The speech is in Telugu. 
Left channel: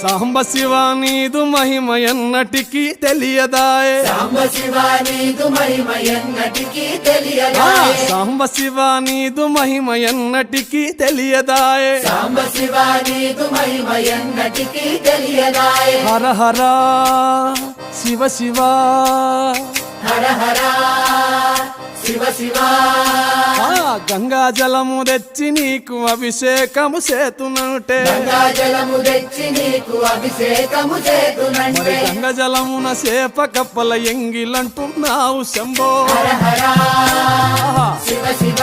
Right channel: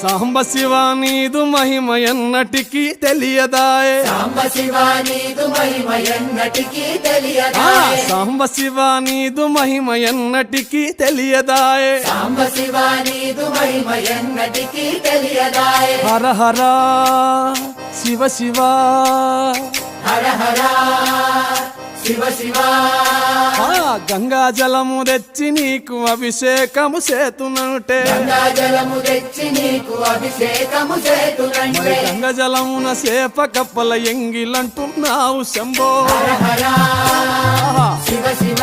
సాంబ శివ నీదు మహిమ ఎన్నటికీ తెలియదాయే సాంబ శివ నీదు మహిమ ఎన్నటికీ తెలియదాయే సాంబ శివ నీదు మహిమ ఎన్నటికీ తెలియదాయే సాంబ శివ నీదు మహిమ ఎన్నటికీ తెలియదాయే హర హర శివ శివ హర హర శివ శివ గంగా జలము తెచ్చి నీకు అభిషేకము చేతునంటే గంగా జలము తెచ్చి నీకు అభిషేకము చేతునంటే మరి గంగ జలమున సేప కప్పల ఎంగిలంటున్నావు శంభో హర హర శివ శివ